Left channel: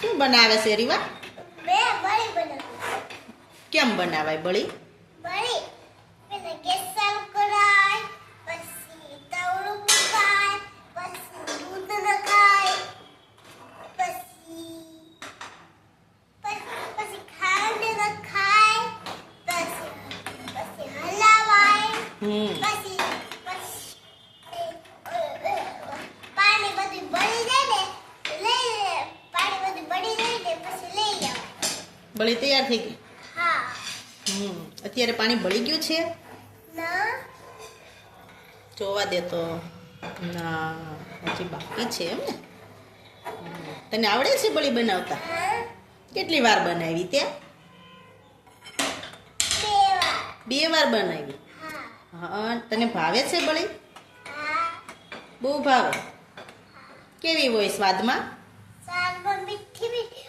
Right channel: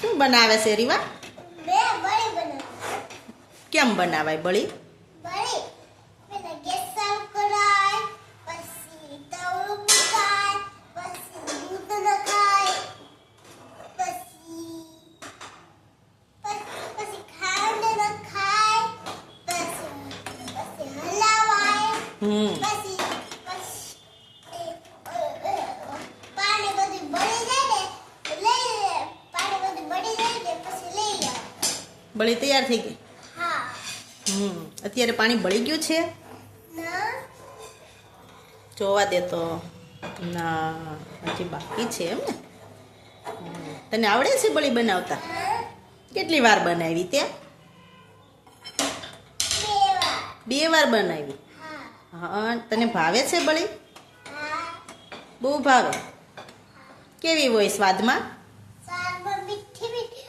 શું બનાવે છે રીવા? બળી બનાવું. કેમ બનાવાય બળી? બળી પેલા ગેસ ચાલુ કરાય, પછી તવડું મુકાય, પછી દૂધ નખાય, પછી ખાંડ નખાય, પછી હલાવાય, પછી પાણી બધું બળી જાય ને પાણી બધું બળી જાય ને પછી લઈ આવ. બળી તૈયાર થઈ ગઈ? હા. અત્યારે પાણી બળી ગયું છે? ના. જોવા દે તો. ના, હજી બાકી છે એમ ને? તને આવડે છે બળી બનાવતા? હા. કેટલી વાર બનાવી તે? 2 વાર બનાવી. હા, તને ભાવે છે બળી? હા. બહુ ભાવે. કેવી હોય સ્વાદમાં? શાકમાં મીઠી મીઠી.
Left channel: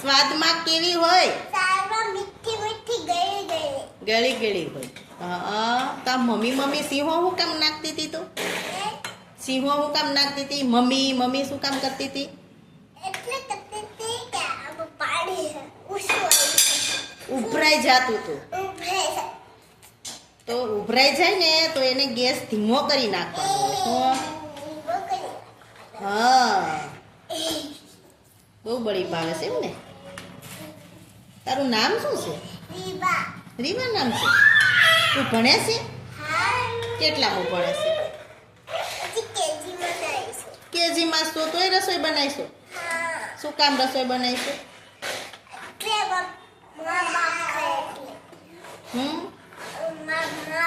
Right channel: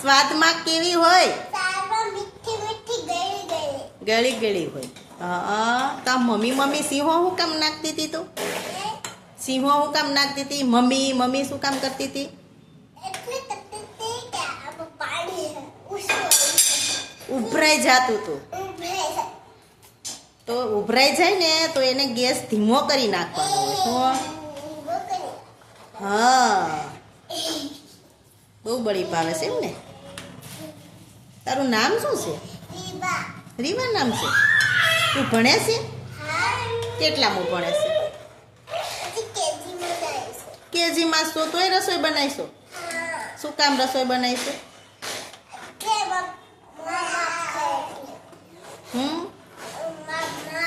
સ્વાદમાં કેવી હોય? શાકમાં મીઠી મીઠી ગળી ગળી. ગળી ગળી હોય. હા, તા મમ્મી સિંહો હું કામ નાખતી હતી તું? સિંહો હું કામ નાખતી હતી? મમ્મી શું કામ કરતી હતી? એટલે કરતી હતી કે આમાં પાણી ઉછળે. ઉભરાઈ જાતું તું. ઉભરાય. તો ઉભરાઈ જાય ને તો એને ગેસ ધીમો કરી નાખવાનો. શું? હા, બહુ બળી ભાવે છે એમ ને? તારું નામ શું છે? રીવા. રીવા નામ છે? તું ભણે છે? હા. કેટલામું ભણે છે? હજી કેજીમાં જાય છે. કેજીમાં છો તોય રસોઈ બનાવીશો? હા. શું કામ રસોઈ બનાવીશું? એટલે મા બાપ ખાય એટલે. મા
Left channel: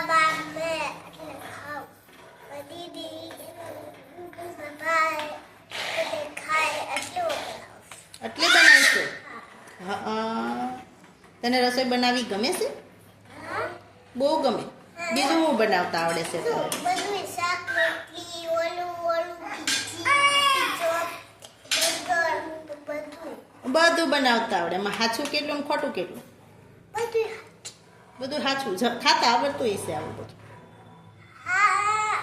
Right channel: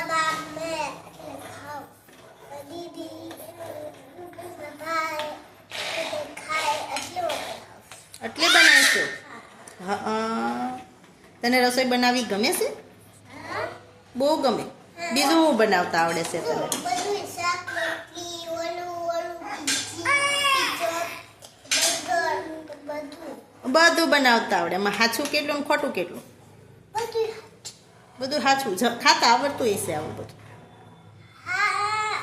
બાપ ને એટલે ખાવ. દીદી ભાઈ ખાય એટલું બનાવ. એટલે બનાવીશું? હા. તને રસોઈ બનાવવી ગમે છે? બહુ ગમે. બીજું હું બનાવતા આવડે છે તને? બધું શાક રોટલી ઓલું પીઝો બર્ગર બધું બધું બનાવતા આવડે. એમાં સાચું કેટલું ને ખોટું કેટલું? બધું સાચું. ખાતા આવડતું હશે આવું બધું. હા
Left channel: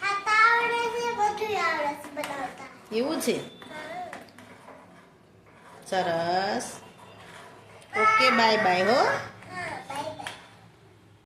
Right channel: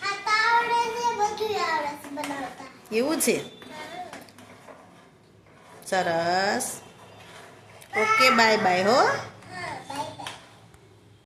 ખાતા આવડે છે બધું આવડે છે બનાવતા. એવું છે? સરસ. ઓકે, બાય બાય હો.